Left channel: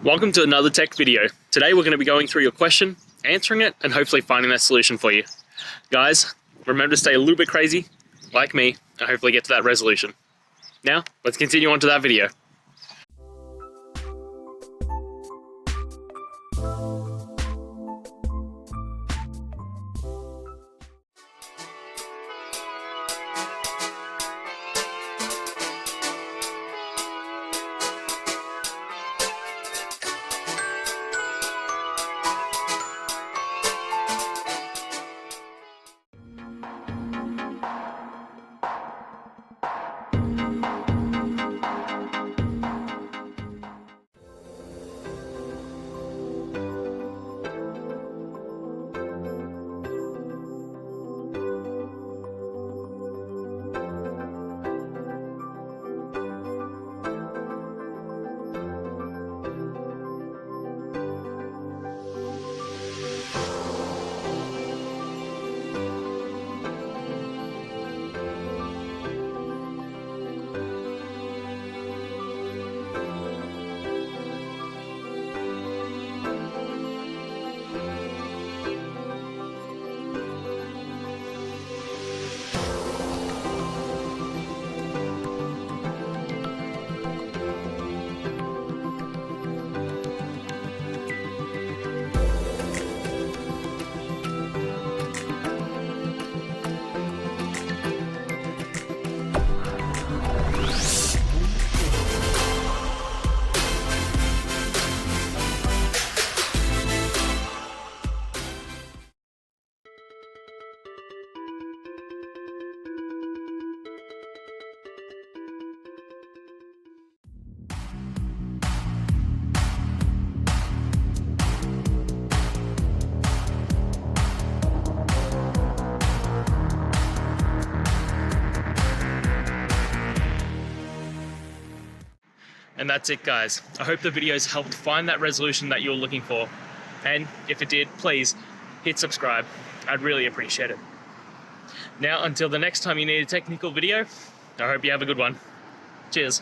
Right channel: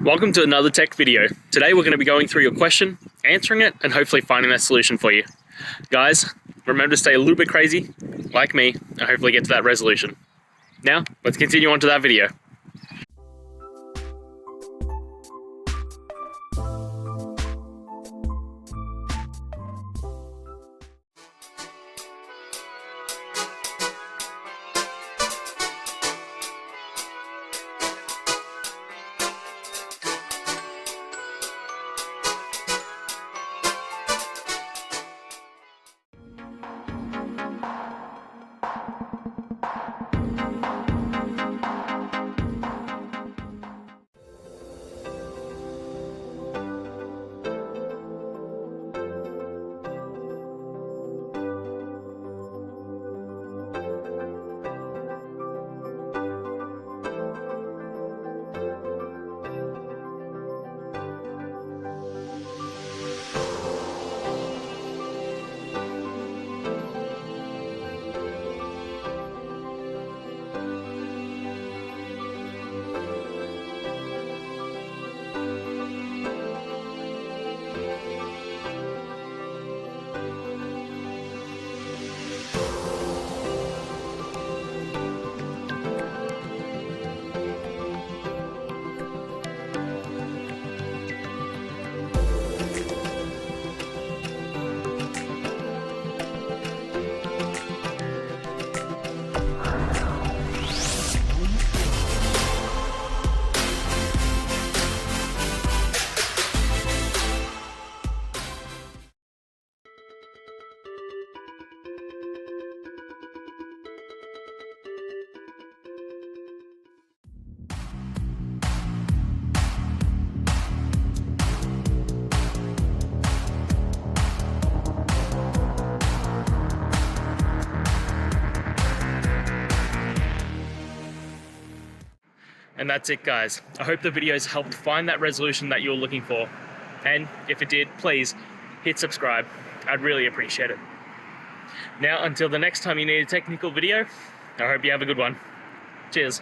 Welcome to another tech video. Today we're going to be going through your question, answering it, and hopefully finding that solution for you. Guys, remember to stay a little bit crazy, like me, and hopefully get to that resolution. Now, let's continue on to that video. And that's it, guys. I hope the videos helped find that resolution that you're looking for. And if it did, please hit subscribe. I'd really appreciate it. Now, until the next time you need a technical video, I hope you have a good one. Cheers.